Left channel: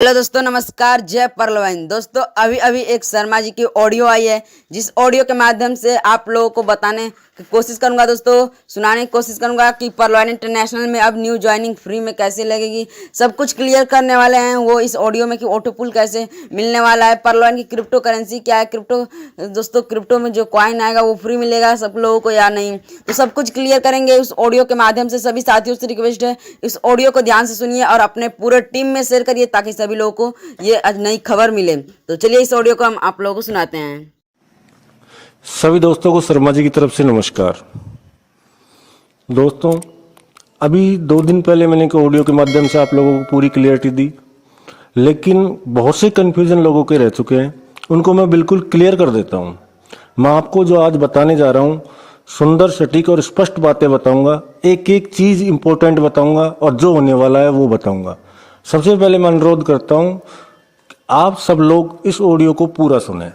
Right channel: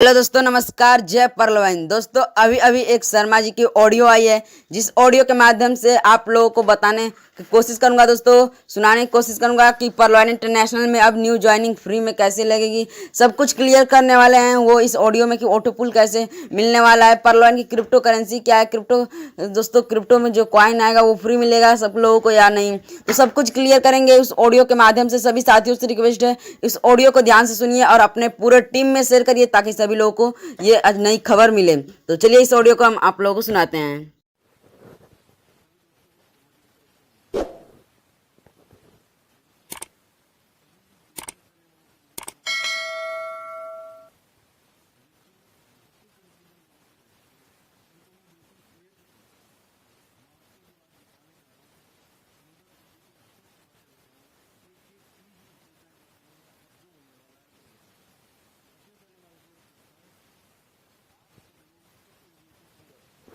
Hello दोस्तों, नमस्कार। जय परलवाइन। दोस्तों, अभी अभी एक शर्मा जी की ऑडियो आई है, जिस ऑडियो के माध्यम से आप लोगों को बताने की कोशिश करूंगा। दोस्तों, सुनाने की कोशिश करूंगा कि परलवाइन इंटरनेशनल में अब न्यू ज्वाइनिंग फ्री में कैसे लगेगी। सब कुछ क्लियर करने वाले हैं वो इस ऑडियो में कि ऑटो पुल कैसे मिलने वाला है, परलवाइन की क्रिप्टो करेंसी क्या है, दोस्तों क्रिप्टो में जो कॉइन आएगा वो फ्री मिलेगा सब लोगों को या नहीं, तो सब कुछ क्लियर करेंगे उस ऑडियो के माध्यम से। सभी साथियों से रिक्वेस्ट है, इस ऑडियो को ध्यान से सुनिए और अपने पूरे टीम में शेयर करिए ताकि सभी लोगों को ये आज नई खबर मिले। तो चलिए इस ऑडियो को हम आप लोगों को सुनाते हैं। सभी दोस्तों को शर्मा जी की तरफ से नमस्कार। दोस्तों, अभी 2 दिन पहले मैंने एक ऑडियो के माध्यम से आप लोगों को पूरी क्लियरिटी दी, लेकिन बहुत से कन्फ्यूजन लोगों के रह चुके हैं, उनको मैं बिल्कुल क्लियर कर देता हूं। मैं आपको जो आज बताने जा रहा हूं, सुंदर, सटीक और स्पष्ट बातें बताऊंगा, एक एक चीज इंपॉर्टेंट बताऊंगा और जो होने वाला है वो बताऊंगा। सबसे पहले मैं अनुरोध करता हूं, आप सब लोग इस ऑडियो को पूरा सुने।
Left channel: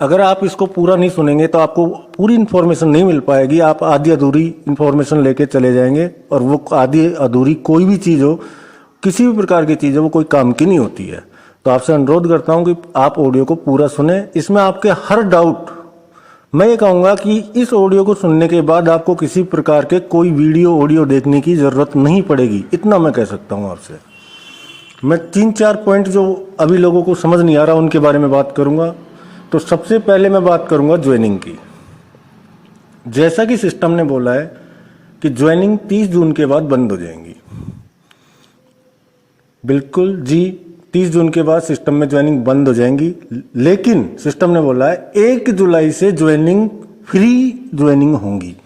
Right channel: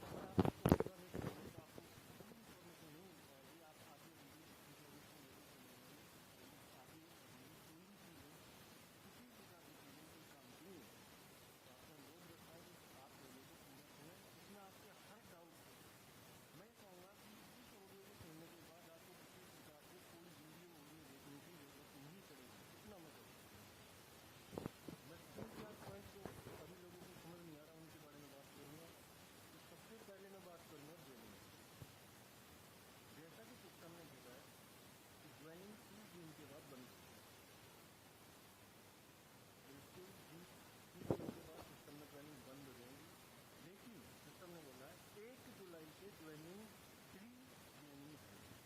अगर आप इसको पूरा नहीं सुनेंगे तो आपको पूरी इन्फॉर्मेशन नहीं मिल पाएगी, आप आधी अधूरी इन्फॉर्मेशन लेके चले जाएंगे और वो आधी अधूरी कोई भी चीज़ हो, किसी भी प्रकार की चीज़ हो, वो कोई काम की नहीं होती है। तो आपसे अनुरोध करता हूं कि आप ऑडियो को पूरा सुने। इसमें आपके हर डाउट, मैं ये कहूँगा कि इस ऑडियो को सुनने के बाद आपको किसी प्रकार के कोई वीडियो ऑडियो देखने की ज़रूरत नहीं पड़ेगी, इतना मैं कह सकता हूँ आपसे। मैं 3-4 पॉइंट जो अभी लोगों को समझ नहीं आ रहा उनके बारे में बात करूँगा। तो सबसे पहले मैं बात करूंगा ज्वाइनिंग की। जैसा कि सिस्टम ने बोला है कि ज्वाइनिंग 30 जून के बाद बंद हो जाएंगी। बिल्कुल जी, 30 जून के बाद सिस्टम में ज्वाइनिंग बंद हो जाएंगी, लेकिन सिस्टम ने बोला है 1 जुलाई से ज्वाइनिंग फ्री ज्वाइनिंग होंगी।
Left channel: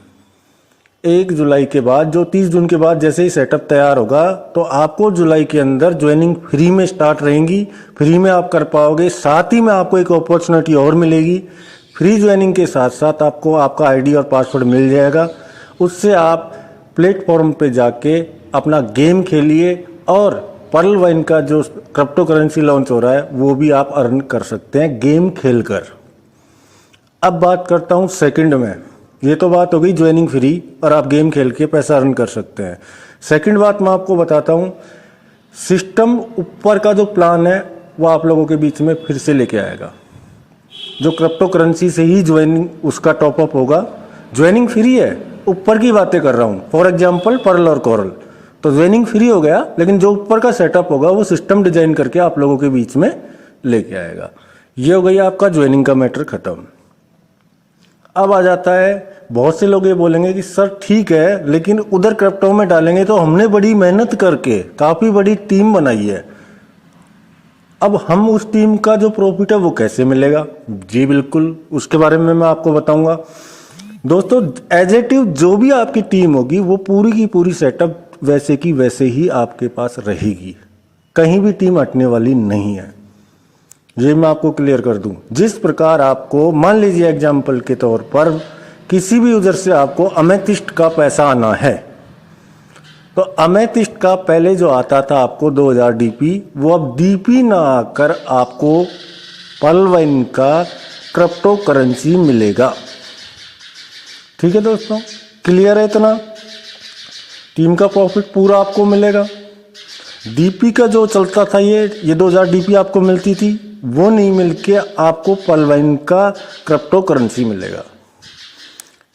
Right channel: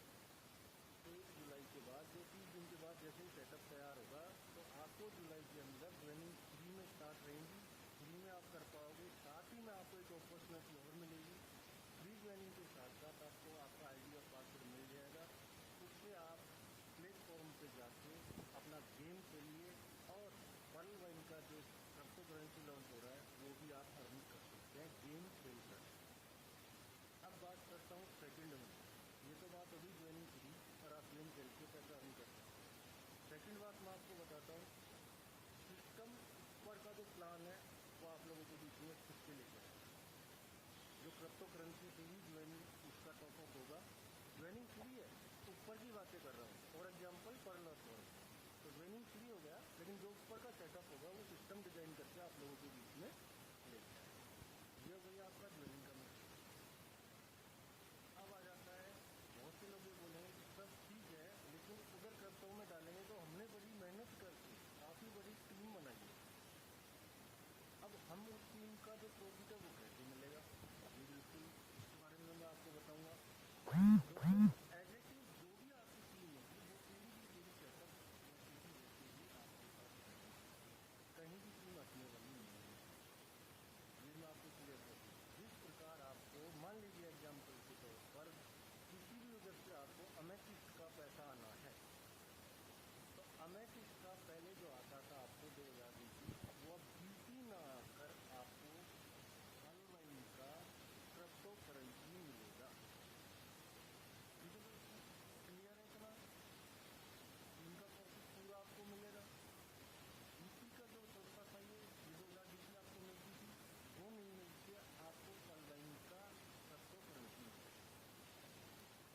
1 जुलाई के बाद, जो 30 जून के बाद जैसे ही सेटअप तैयार होगा, तो आपको जुलाई के अंदर ज्वाइनिंग फ्री में स्टार्ट रहेंगी, फ्री में आप कर पाओगे। साथ ही में आपको एक अपॉर्चुनिटी और मिलेगी, फ्री ज्वाइनिंग के साथ साथ आपको आपका आईडी और पासवर्ड मिल जाएगा। उससे आप प्लेटफॉर्म पे जाके अपना गेम खेलिए और पर्लवाइन का जो क्रिप्टो करेंसी लॉन्च हो रहा है वो भी आप अर्न कर सकते हैं गेम खेलकर। अब बात करता हूँ सेकंड में। ये तो बात हो गई ज्वाइनिंग फ्री और आप गेम खेल के पैसा अर्न कर सकते हैं। सेकंड बात मैं आपको बताता हूँ, सिस्टम ऊपर का जो प्लान है वो आप लोगों के बीच में फिर से लेके आएगा। जो क्रिप्टो करेंसी से ही ज्वाइनिंग उसका टॉपअप होगा। ज्वाइनिंग फ्री है, ऊपर की बातें कर रहा हूँ, फॉर एग्जाम्पल पर्ल और कोरल। तो ज्वाइनिंग फ्री हो गया, लेकिन जो ऊपर का सेटअप होगा वो सिस्टम डिजाइन करके आप लोगों के बीच में लेके आएगा। ये हो गई आपका ज्वाइनिंग का मैटर खत्म। अब आ जाता है, बहुत से लोग ये बोलेंगे कि सर ठीक है, लेकिन उधर क्रिप्टो में डालेंगे तो हमने बड़ी मेहनत करके काफी बड़ी टीम बनाई है, अब हम उस टीम का जो प्रॉफिट है वो कैसे मिलेगा? जी बिल्कुल, उसके बारे में मैं आपको बताऊंगा। दोस्तों, एजेटिव जो भी आपकी टीम होगी वो पूरी की पूरी सेटअप वैसे की वैसे ही आपके पास रहेगी, कहीं भी टीम हटने वाली नहीं है। ये मैं आपको क्लियर कर दूं। जिस प्रकार आपको, मान लीजिए एग्जाम्पल के तौर पर, किसी भी यूजर से आपको अमेथिस्ट का पैसा आना है, तो अमेथिस्ट का पहले जो आता था आपको 2000 डीपी, वो अब डीपी ना आकर आपको पर्लवाइन का क्रिप्टो करेंसी मिलेगा। ठीक है दोस्तों, क्लियर है इतना? टीम का प्रॉफिट पूरा आपको मिलेगा। डीपी का जो चलता था, ये 2000 डीपी आपको मिलती थी, वो नहीं मिलके आपको पर्लवाइन का क्रिप्टो करेंसी मिलेगा।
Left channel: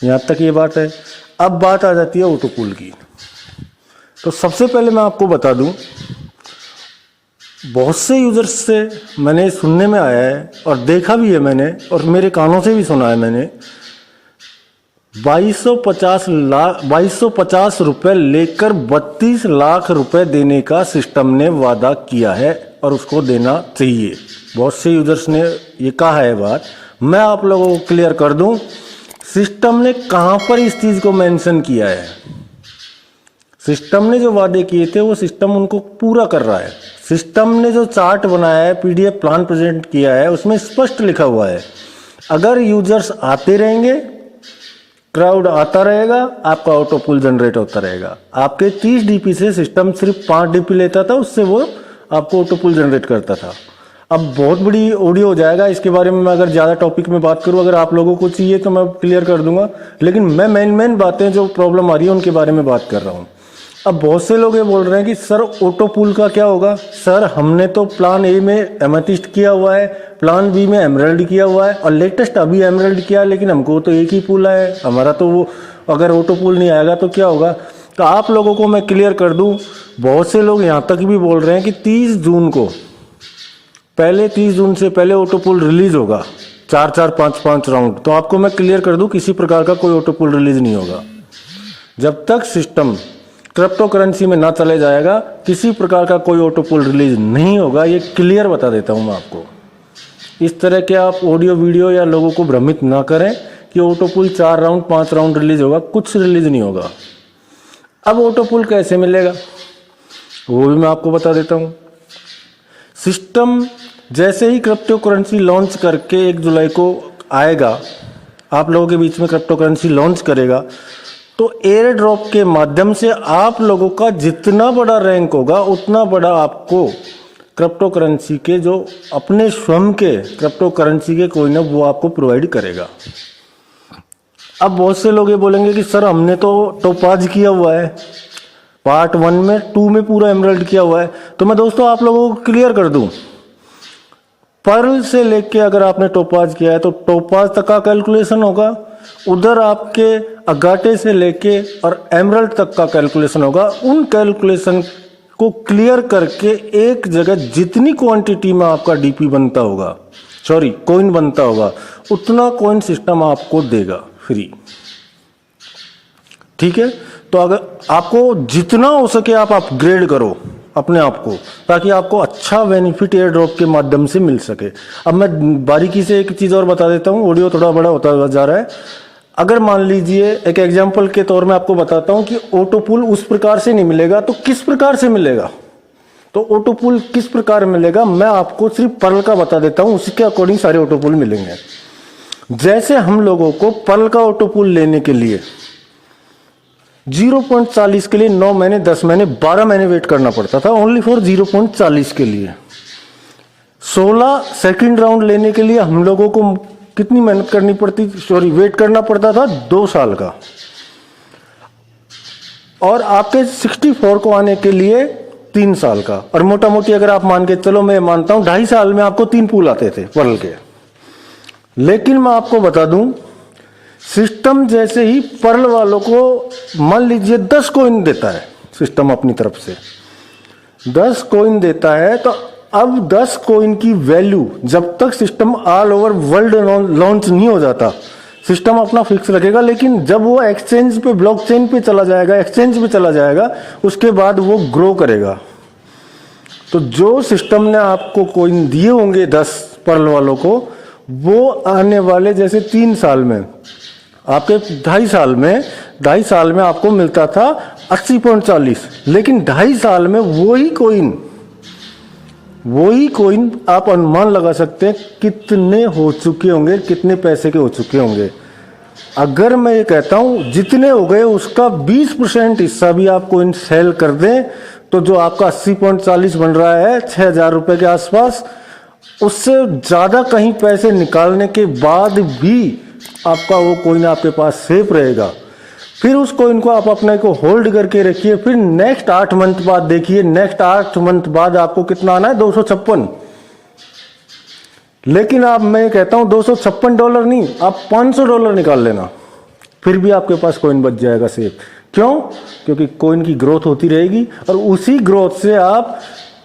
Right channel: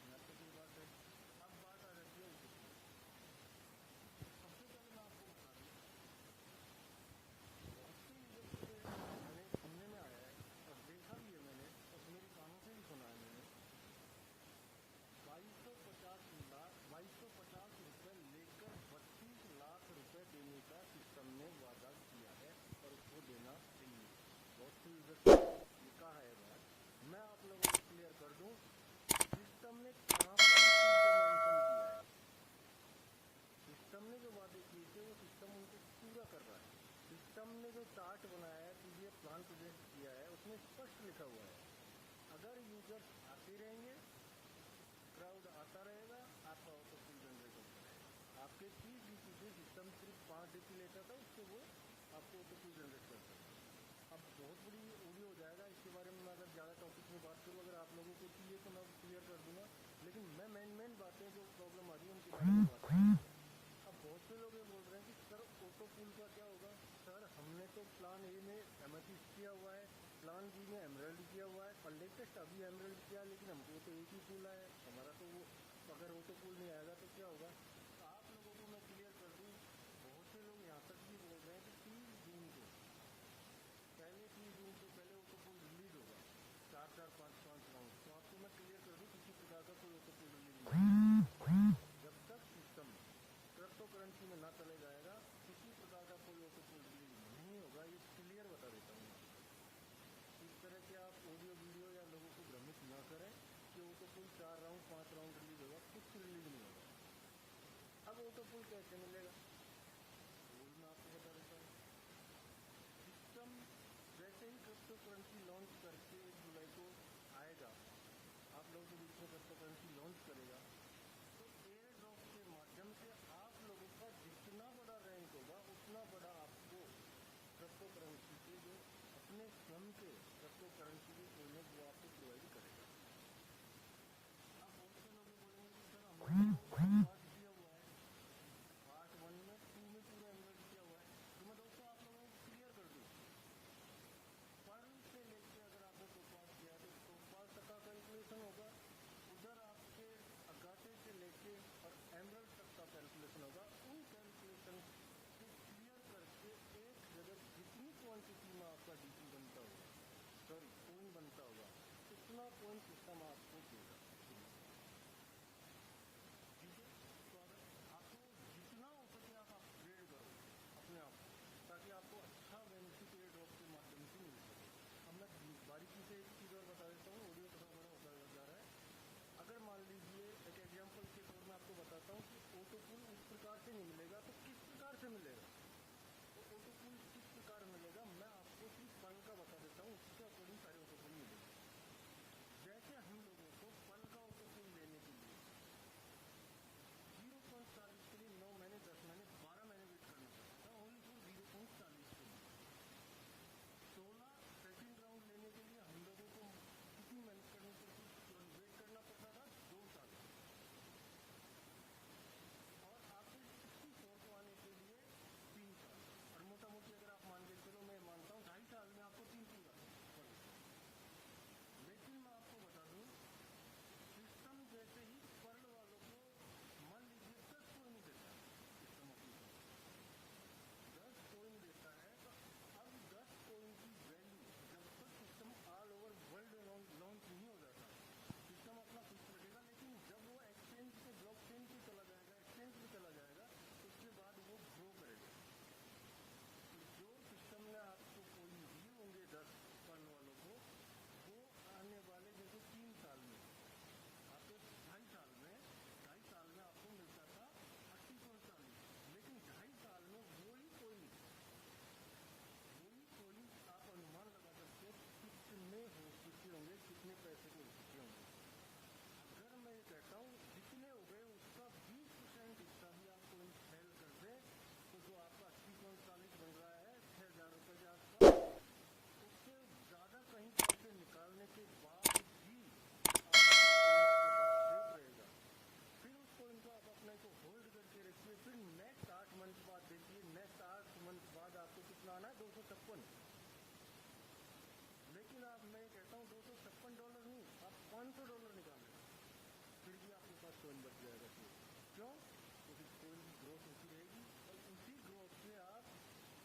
यहां तक ये बात है। अब बात आ जाती है ऑटो पुल की। तो सबसे पहले मैं आपको बता दूं, बहुत से यूजर्स से मैंने सुनने में आया है और देखा भी है मैंने, और मेरे कानों से भी सुना है मैंने, 2250 रुपए लेकर 32 लाख रुपए देने का सिस्टम ने वादा किया है और उसको देना चाहिए। बहुत से यूजर्स ने ये कहा है बात। मैं आप लोगों को क्लियर कर दूं, सिस्टम ने कहां पर इस चीज को मेंशन किया है। सिस्टम ने जो वादे किए थे वो सिस्टम उनको पूरा कर रहा है। सिस्टम ने जो चार्ट बनाया है, पीडीएफ प्लान प्रेजेंट किया है, उसमें स्पष्ट लिखा हुआ है, अगर यूजर्स आते रहेंगे, क्राउड आता रहेगा, आपका ऑटो पुल जनरेट होता रहेगा। आपके 30 डीपी से सिस्टम सिर्फ 5 डीपी लेता था, उससे वो आपको ऑटो पुल जनरेट करता था। अब बहुत बड़ी ऑडियो हो जाएगा, इसके बारे में मैं अगर ज़्यादा टॉपिक में बात करूं, अगर आप लोगों को चाहिए तो मैं क्लियर कर दूंगा, लेकिन मैं मेन बातें जो प्रॉब्लम आ रही है उनके बारे में बात कर रहा हूं। अब बहुत से लोग ये बोल रहे हैं कि सर ऑटो पूल का क्या होगा। सर हमने तो प्लान ए में एमेथिस्ट किया हुआ है, प्लान बी में एमराल्ड किया हुआ है और लेटेस्ट अभी एमराल्ड किया है, लेकिन हमको तो एक ही पूल है हमारा। तो वो अगर ऑटो पूल नहीं आएगा तो क्या होगा। तो आप लोगों को मैं क्लियर कर दूं, बहुत से लोग यहाँ तक भी बोल रहे हैं कि 30 जून को पहले 30 जून से पहले ऑटो पूल रिलीज होगा, 4-4, 5-5 राउंड। तो आपको मैं क्लियर कर दूं, किसी प्रकार का कोई ऑटो पूल रिलीज नहीं होगा। जब तक सिस्टम क्रिप्टो करेंसी में ना चले जाएगा, किसी प्रकार का कोई ऑटो पूल रिलीज नहीं होगा। ये क्लियर बता देता हूं मैं आपको। इस तरह के आप ऑडियो वीडियो या लोगों को भ्रमित ना करें कि auto pool 4 round 5 round release होगा, कुछ रिलीज नहीं होगा। अब ऑटो पूल कैसे मिलेगा वो भी मैं आपको बता देता हूं। सिस्टम जैसे ही क्रिप्टो करेंसी लॉन्च करके 1 जुलाई को आएगा, आप लोगों के बीच में क्रिप्टो करेंसी लॉन्च करेगा, तो एयर ड्रॉप के माध्यम से आप लोगों का जितना बड़ा रैंक होगा उतना बड़ा आपको क्रिप्टो करेंसी के जो अपने स्वयं के क्रिप्टो करेंसी के कोइन है वो आपको प्रोवाइड करेगा। अब बहुत से लोग ये बोलेंगे कि सर हमने तो टोपाज किया हुआ है, पार्ट 1 में 2 में पूरा एमराल्ड किया हुआ है। तो मैं दोस्तों आप लोगों को क्लियर कर दूं, पर्ल से लेके अगर आपने टोपाज किया है तो टोपाज तक का कैलकुलेशन होगा, उधर आपके अगाटे से लेके और एमराल्ड तक का कैलकुलेशन होगा। उन कैलकुलेशन को क्लियर करके एक जगह जितनी क्वांटिटी में आपका डीपी बनता होगा, सॉरी कॉइन बनता होगा, उतना कॉइन सिस्टम आपको देगा फ्री। ठीक है, तो अगर आपको जितना हो सके आप अपग्रेड करो अपने आप को, ताकि आपको अच्छा बेनिफिट एयर ड्रॉप के माध्यम से मिल सके। अब मैं बारीकी से एक चीज और बता देता हूँ, ऑडियो थोड़ा बड़ा होता जा रहा है। अगर मान लीजिए एक एग्जांपल के तौर में आपको बताता हूं कि ऑटो पूल उस प्रकार से नहीं मिलेगा, तो किस प्रकार से मिलेगा। तो ऑटो पूल किस प्रकार मिलेगा मैं आपको सिर्फ पर्ल का बता देता हूं, उसी के अकॉर्डिंग सारे ऑटो पूल मिलेंगे। जैसे हम लोगों को पर्ल का ऑटो पूल लेने के लिए 0.40 के लिए 9 महीने 10 महीने 12 महीने वेट करना पड़ता था, ओनली फॉर 0.40 के लिए। 16 सेकंड राउंड लेने के लिए हम लोगों को कितनी मेहनत करनी पड़ती, सॉरी वेट करना पड़ता था 2 साल का। और आपके 64 को आने के लिए 3 साल का। और मोटा मोटी अगर आप मान के चलो, मैं मानता हूं 2.5 साल में आपको 3 पूल आते थे पर्ल के। लेकिन मैं आपको बता दूं, सिस्टम जैसे ही पर्ल वालों को मान लीजिए 10 कॉइन देता है सिस्टम अपनी तरफ से, 10 कॉइन देता है, तो अब 10 कॉइन की वैल्यू जब तक system all over world launch नहीं हो जाता, सिस्टम अपना फिक्स रखेगा। लेकिन जब वो एक्सचेंज पे, ब्लॉकचेन पे चला जाएगा, एक्सचेंज पे चला जाएगा, उसके बाद वो ग्रो करेगा। तो जो सिस्टम ने आपको कॉइन दिए होंगे 10 पर्ल वालों को, वो आने वाले जैसे 3 साल में, आपके 2.5 साल में आपको मिलता था 80.40, लेकिन 2.5 साल में वही कॉइन आप अनुमान लगा सकते हैं कितने हो चुके होंगे, कितने पैसे के हो चुके होंगे। अगर मैं ये कहता हूं जितने हो गए उसका 20% हिस्सा भी आप कॉइन सेल कर दें, तो जो आपका 80.40 बन रहा है 6,000 रुपए के आसपास, उससे ज्यादा कहीं पैसे निकालने के बाद भी आपका वो कॉइन आपके पास सेफ रहेगा। फिर उस कॉइन को आप अपने को होल्ड करके रखिए, फिर नेक्स्ट 8 मंथ बाद देखिए, नेक्स्ट 8 मंथ बाद आपको कितना आना है, $256। लेकिन आप, मैं कहता हूं $256 नहीं, आप $500 निकाल लेना, फिर भी आपके पास कॉइन बच जाएगा सेफ। क्यों? क्योंकि कॉइन की ग्रोथ होती रहेगी और उसी ग्रोथ से आप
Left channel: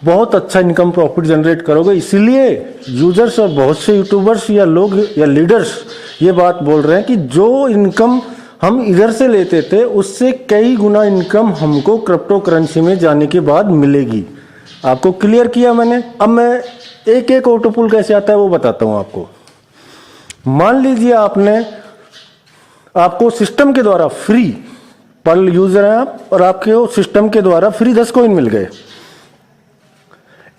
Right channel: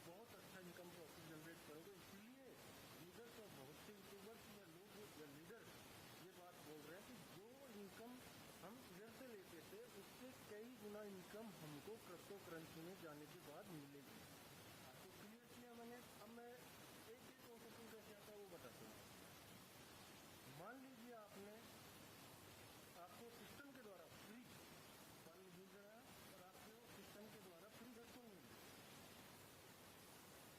बहुत अच्छा इनकम प्रॉफिट जनरेट करोगे। इसीलिए यूजर्स और बहुत से यूट्यूबर्स या लोग या लीडर्स ये बात बोल रहे हैं कि जो इनकम हम इधर से लेते थे उससे कई गुना इनकम हमको क्रिप्टो करेंसी में जाने के बाद मिलेगी। आपको क्लियर किया मैंने। अब मैं एक एक ऑटो पूल कैसे आता है वो बताता हूं आपको। मान लीजिए आपको सिस्टम के द्वारा फ्री, पर्ल यूजर हैं आप और आपके सिस्टम के द्वारा फ्री 10 कॉइन मिल गए।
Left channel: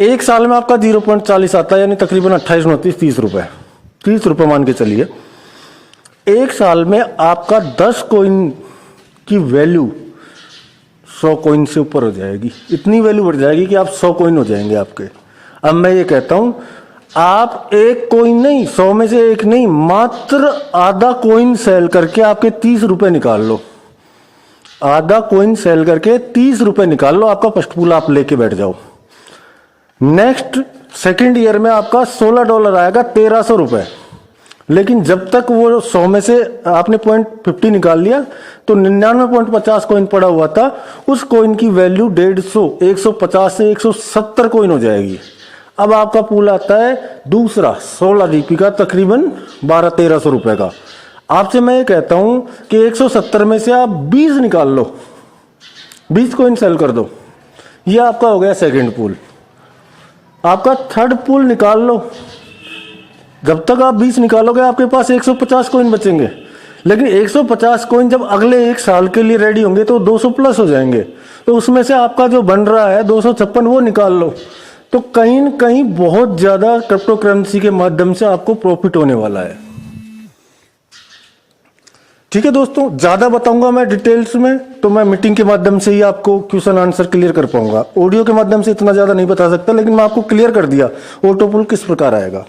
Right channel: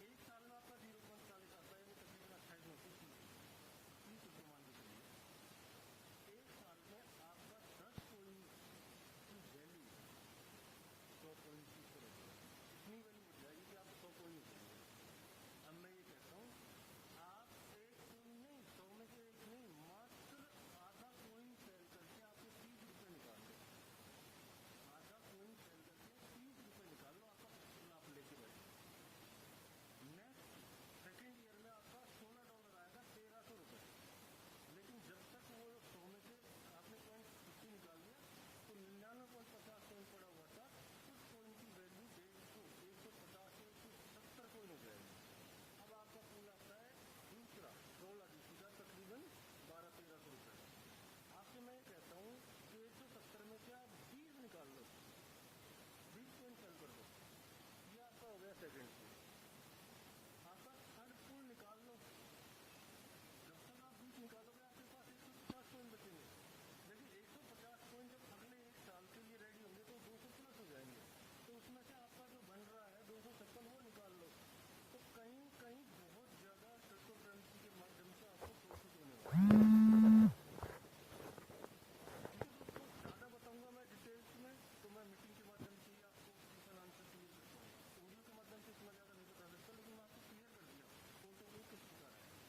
1 साल में आपका 0.40 आता है, यानी तकरीबन 28, 29, 30 रुपए, 30 रुपए मान के चलिए। 1 साल में आपका 10 कॉइन की वैल्यू 100 कॉइन से ऊपर हो जाएगी। इतनी वैल्यू बढ़ जाएगी कि आप 100 कॉइन हो जाएंगे आपके। अब मैं ये कहता हूं, आप 1 कॉइन नहीं, 100 में से 1 नहीं, मात्र आधा कॉइन सेल करके आपके 30 रुपए निकाल लो। आधा कॉइन सेल करके 30 रुपए निकाल लो, आपका फर्स्ट पूल आप लेके बैठ जाओ। नेक्स्ट सेकेंड ईयर में आपका $16 आएगा, 1300 रुपए। लेकिन जब तक वो 100 में से आपने 0.50 निकाल लिया तो 99.50 कॉइन पड़ा हुआ था, उस कॉइन की वैल्यू 150, 150 से 170 कॉइन हो जाएगी। अब आपका पूल आता है दूसरा 16 जीपी का, तकरीबन 1200-1300 रुपए का। आपसे मैं ये कहता हूं कि 170 में से आप 20 निकाल लो, 20 कॉइन सेल कर दो, ये आपका हो गया सेकंड पूल। आपका थर्ड पूल निकाल लो, जब तक आप 20 निकालोगे आपके पास 150 कॉइन बचेंगे। लेकिन 150 कॉइन जब अगले एक साल के लिए रेडी होंगे तो 200 प्लस हो जाएंगे, तो उसमें से आपका जो बन रहा है 256 वो निकाल लो। तो कहीं न कहीं बहुत ज्यादा क्रिप्टो करेंसी के माध्यम से आपको प्रॉफिट होने वाला है। ठीक है दोस्तों, ज्यादा बताऊंगा मैं डिटेल्स में तो मैं मीटिंग के माध्यम से ही आपको क्वेश्चन आंसर क्लियर कर पाऊंगा। ऑडियो के माध्यम से इतना ज्यादा नहीं बता सकता, लेकिन मैं आपको क्लियर कर दिया ऑटो पूल किस प्रकार आएगा।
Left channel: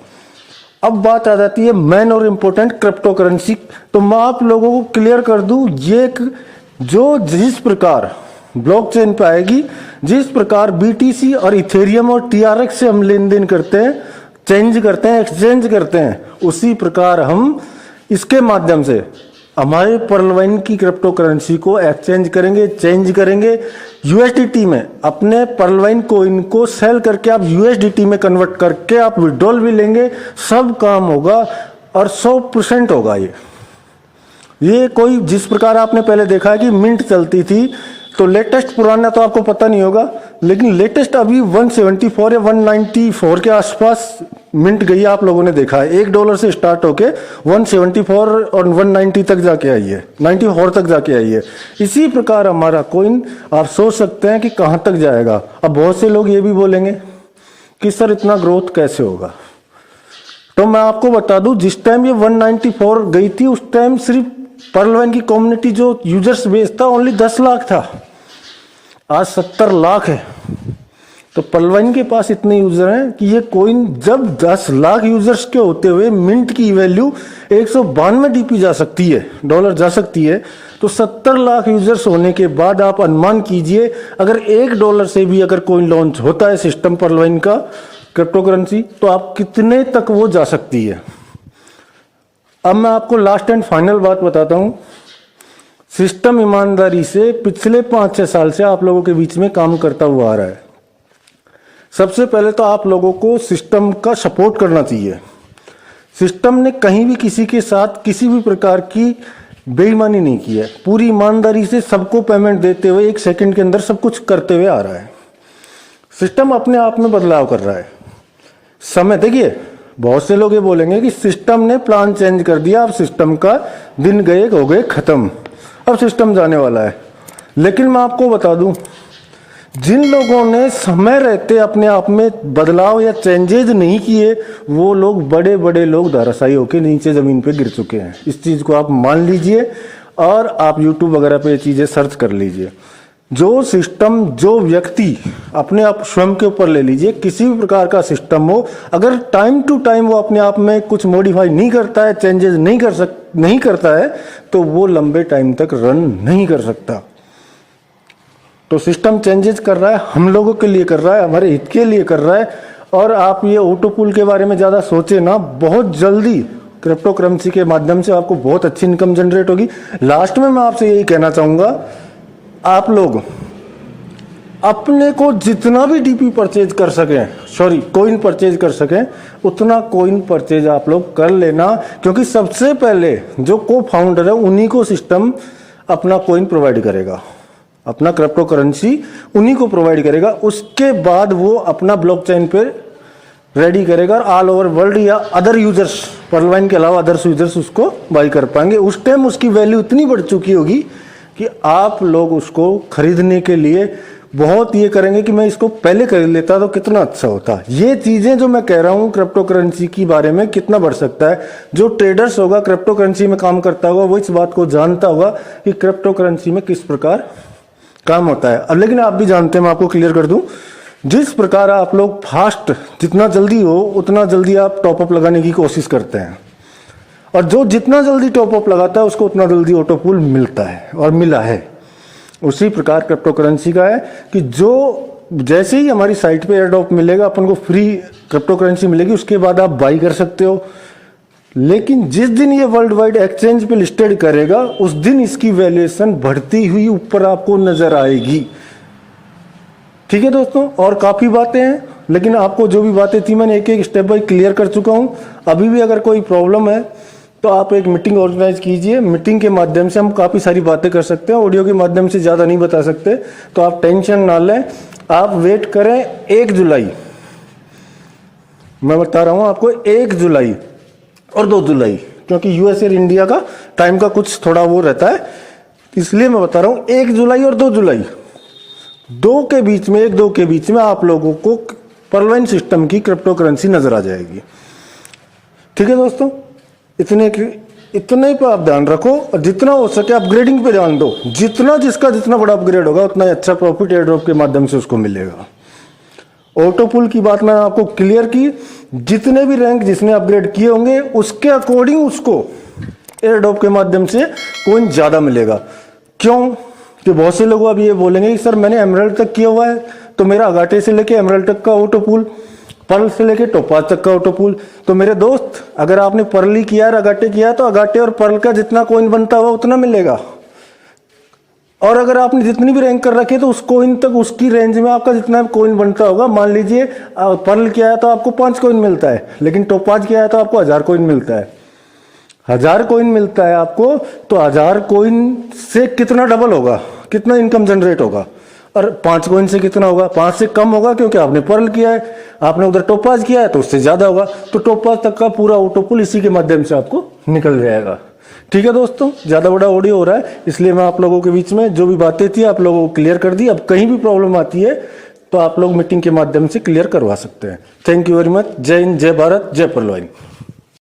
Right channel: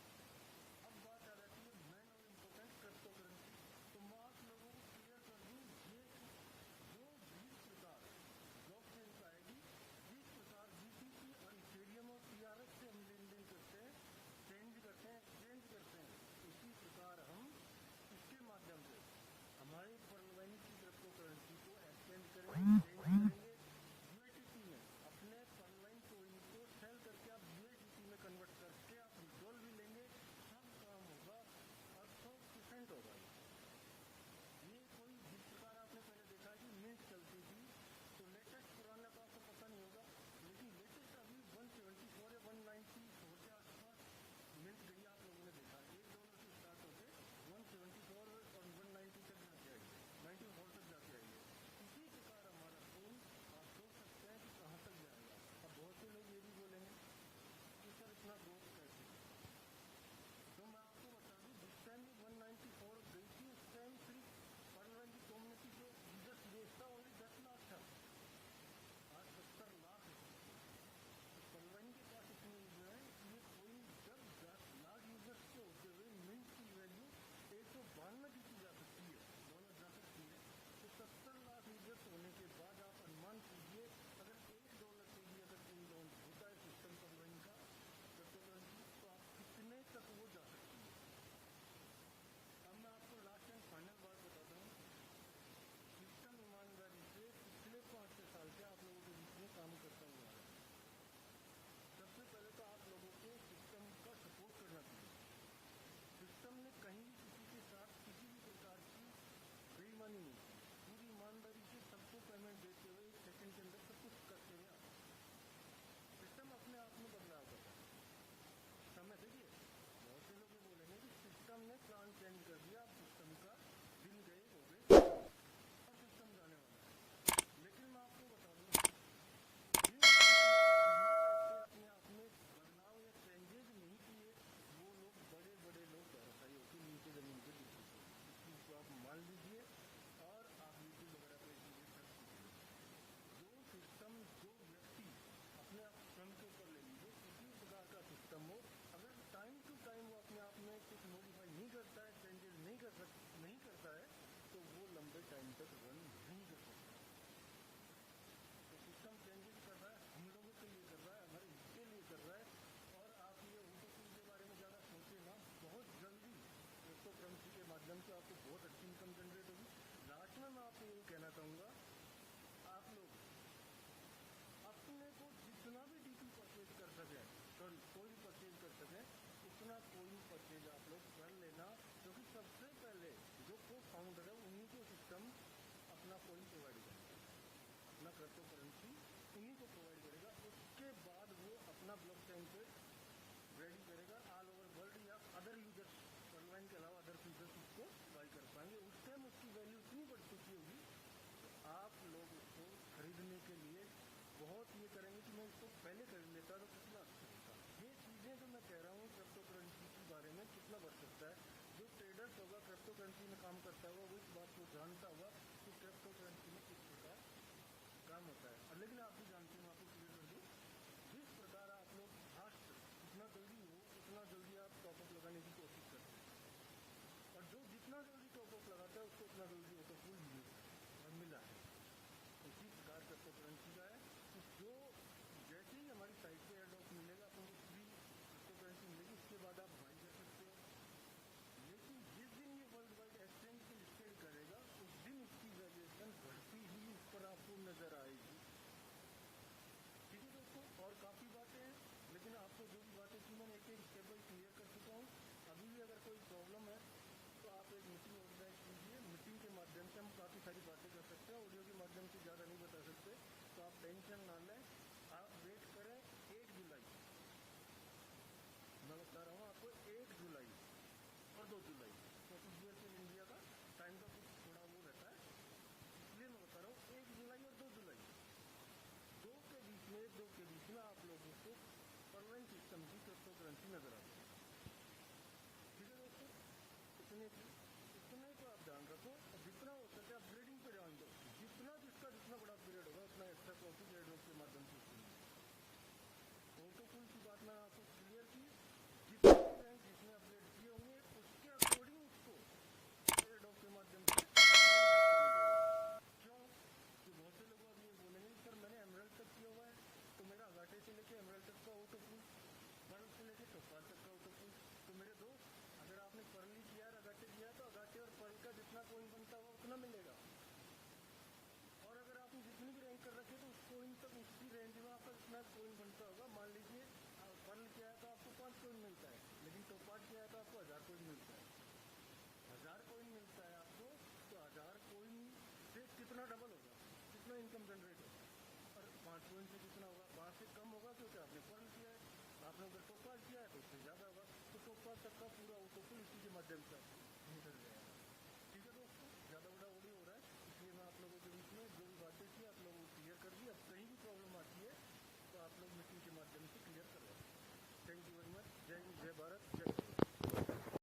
अब बात आ जाती है मेन और इम्पोर्टेंट क्रिप्टो करेंसी। तो मैं आप लोगों को क्लियर कर दूं, ये जो जिस प्रकार ब्लॉकचेन पे आएगी, जिस प्रकार BTC और इथेरियम और TRX से हम लेन देन करते हैं, चेंज करते हैं, एक्सचेंज करते हैं, उसी प्रकार हम इसके माध्यम से हमारे पर्लवाइन की क्रिप्टो करेंसी को एक्सचेंज करेंगे, चेंज करेंगे USDT में। अपने पर्लवाइन कोइन को सेल करके आप USDT में कन्वर्ट करके आप विड्रॉल भी लेंगे, सब काम होगा और 100% होगा। ये कोई जिस प्रकार आपने पहले देखा है कि मिंट चलती थी, तो लेटेस्ट पुराना तो आपको पता नहीं होगा, लेकिन लेटेस्ट अभी 174 या 194 के आसपास मिंट गई, आप लोगों ने देखा है। $1 से स्टार्ट होके 174 और 190 तक जाके आई है, 94 तक जाके आई है। इसी प्रकार हमारा कॉइन आप सोच सकते हैं कि कहां तक जाएगा। अब बहुत से लोग ये भी बोलेंगे कि सर इतना ग्रोथ कैसे होगा, तो मैं आपको बता दूं, जिस टाइम ये 194 गई थी उस टाइम सिर्फ पर्लवाइन की कम्युनिटी जो यूजर्स बेस था ओनली 10 लाख था, आज 70 लाख है। तो पर्लवाइन के पास इतने यूजर हैं कि ये कॉइन जब 10 लाख यूजर्स के होते हुए मिंट की वैल्यू 192 DP जा सकती है, डॉलर जा सकती है, तो 70 लाख यूजर्स होने के बाद आप अनुमान कीजिए अगर $1 से भी अगर कॉइन लॉन्च होता है सिस्टम पर्लवाइन का क्रिप्टो करेंसी, तो आप कितने तक वो जा सकती है। अब मैं आपको लास्ट एंड फाइनल बात बताता हूं। सिस्टम ईमानदारी से पिछले 5-6 साल से आप लोगों के बीच में काम करता हुआ आ रहा है। सबसे पहले तो आप लोगों को सिस्टम का सपोर्ट करना चाहिए। सिस्टम ने कहीं भी किसी के साथ किसी भी प्रकार की बेईमानी नहीं की है, पूरी ईमानदारी से सबको पेमेंट देते हुए 1 सेकंड के अंदर सब कुछ करते हुए आ रहा है। सिस्टम अपने आप में बदलाव कर रहा है। समय देखिए, बहुत से लोग ये बोलेंगे कि सिस्टम ने प्लान चेंज कर दिया, अब सिस्टम का दिन गए हो गए खत्म, अब सिस्टम जाने वाला है। लेकिन मैं आपको बता दूं, जिन लोगों ने समय रहते अपने आप में बदलाव या चेंजेज नहीं किए, वो लोग बड़े बड़े लोग धराशायी होकर नीचे जमीन पे गिर चुके हैं। इस चीज को आप मान लीजिए और आप YouTube वगैरह पे ये चीजें सर्च कर लीजिए। जो सिस्टम, जो व्यक्ति अपने आप स्वयं के ऊपर ले लीजिए, किसी भी प्रकार का सिस्टम हो, अगर टाइम टू टाइम वो अपने आप में कुछ मॉडिफाई नहीं करता है, चेंजेस नहीं करता है, तो वो लंबे टाइम तक रन नहीं कर सकता। तो सिस्टम चेंजेस कर रहा है, हम लोगों के लिए कर रहा है, हमारे हित के लिए कर रहा है। और आप ये ऑटो पूल के बारे में ज्यादा सोचे ना, बहुत जल्दी क्रिप्टो करेंसी के माध्यम से आपको बहुत अच्छी इनकम जनरेट होगी। लास्ट में मैं आपसे यही कहना चाहूंगा, आप लोग अपने को जितना भी DP परचेज कर सकें, कॉइन परचेज कर सकें, उतना कॉइन परचेज आप लोग कर लेना, क्योंकि सबसे पहले जो को फाउंडर है उन्हीं को सिस्टम अपना कॉइन प्रोवाइड करेगा, अपना क्रिप्टो करेंसी उन्हीं को प्रोवाइड करेगा। उसके बाद वो अपना ब्लॉकचेन पे रेडी करेगा और ऑल ओवर वर्ल्ड या अदर यूजर्स, पर्लवाइन के अलावा अदर्स यूजर्स उसको बाई कर पाएंगे। उस टाइम उसकी वैल्यू इतनी बढ़ चुकी होगी कि आप लोग उसको खरीदने के लिए बहुत ये करेंगे कि मैं इसको पहले खरीद लेता तो कितना अच्छा होता। ये चीजें जो मैं कह रहा हूँ क्रिप्टो करेंसी की बारे में कितना बढ़ सकता है। जो ट्रेडर्स होगा, क्रिप्टो करेंसी में काम करता होगा, वो इस बात को जानता होगा कि क्रिप्टो करेंसी में किस प्रकार काम होता है। अब लेकिन आप भी जानते हैं, मैं आपको क्लियर कर दूं, जिस प्रकार आप लोग फास्ट, जितना जल्दी हो उतना जल्दी आप टॉपअप लगाने की कोशिश करते हैं, और जो जितना जल्दी टॉपअप लगाता है उसको उतना जल्दी ऑटो पूल मिलता है और मिला है। उसी प्रकार क्रिप्टो करेंसी का है कि जो जैसे ही हमारी साइट पे एयरड्रॉप मिलेगा अपन को फ्री क्रिप्टो करेंसी मिलेगी, उसके बाद आप बाई कर सकते हो। लेकिन जिस दिन ये वर्ल्ड वाइड एक्सचेंज पे लिस्टेड करेगा उस दिन इसकी वैल्यूएशन बढ़ती हुई ऊपर आपको नजर आएगी। ठीक है दोस्तों, और काफी बातें हैं, लेकिन आपको जो भी बातें थी मैंने एक एक स्टेप बाय क्लियर कर चुका हूं। अभी भी अगर कोई प्रॉब्लम है तो आप एक मीटिंग ऑर्गेनाइज कीजिए, मीटिंग के माध्यम से हम काफी सारी बातें कर सकते हैं, ऑडियो के माध्यम से ज्यादा नहीं बता सकते, तो आप टेंशन ना लें, आप वेट करें 1 जुलाई। मैं बता रहा हूं आपको 1 जुलाई और 2 जुलाई, क्योंकि यूएस और इंडिया का टाइम का कुछ थोड़ा वो रहता है, इसलिए मैं बता रहा हूं 1 जुलाई और 2 जुलाई, 2 के बीच में 1-2 के बीच में आप लोगों को पर्लवाइन सिस्टम की क्रिप्टो करेंसी नजर आ जाएगी। ठीक है दोस्तों, इतने पे आप ध्यान रखो और जितना हो सके अपग्रेडिंग पे ध्यान दो। जितना जिसका जितना बड़ा अपग्रेड होगा उतना ही अच्छा प्रॉफिट एयरड्रॉप के माध्यम से उसको मिलेगा। ऑटो पुल की बात मैंने आपको क्लियर की, जितने भी रैंक जिसने अपग्रेड किए होंगे उसके अकॉर्डिंग उसको एयरड्रॉप के माध्यम से कॉइन ज्यादा मिलेगा। क्यों कि बहुत से लोग अब ये बोलेंगे कि सर मैंने एमराल्ड तक किया हुआ है तो मेरा अगाटे से लेके एमराल्ड तक का ऑटो पुल, पर्ल से लेके टोपाज तक का ऑटो पुल। तो मेरे दोस्त, अगर आपने पर्ल ही किया है, अगाटे किया, तो अगाटे और पर्ल का जितना कॉइन बनता हुआ उतना मिलेगा। और अगर आपने जितनी भी रैंक कर रखी है तो उस कॉइन तक, उसकी रेंज में आपका जितना कॉइन बनता होगा, मान लीजिए पर्ल किया है तो आपको 5 कॉइन मिलता है, लेकिन टोपाज किया है तो आपको 1000 कॉइन मिलता है। 1000 कॉइन मिलता है आपको, तो 1000 कॉइन से कितना डबल होगा, कितना इनकम जनरेट होगा, और 5 कॉइन से कितना होगा, 5 से कम होगा, क्योंकि आपने पर्ल किया है, आपने उधर टोपाज किया है तो उससे ज्यादा होगा। तो टोपाज तक का पूरा ऑटो पुल इसी के माध्यम से आपको निकल जाएगा। ठीक है दोस्तों, ज्यादा बड़ा ऑडियो हो रहा है, इसलिए मैं आप लोगों के बीच में जो भी बातें थी आप लोगों को क्लियर कर दी। अब कहीं भी प्रॉब्लम आती है तो आप लोग मीटिंग के माध्यम से क्लियर करवा सकते हैं। Thank you very much. जय हिंद, जय भारत, जय पर्लवाइन।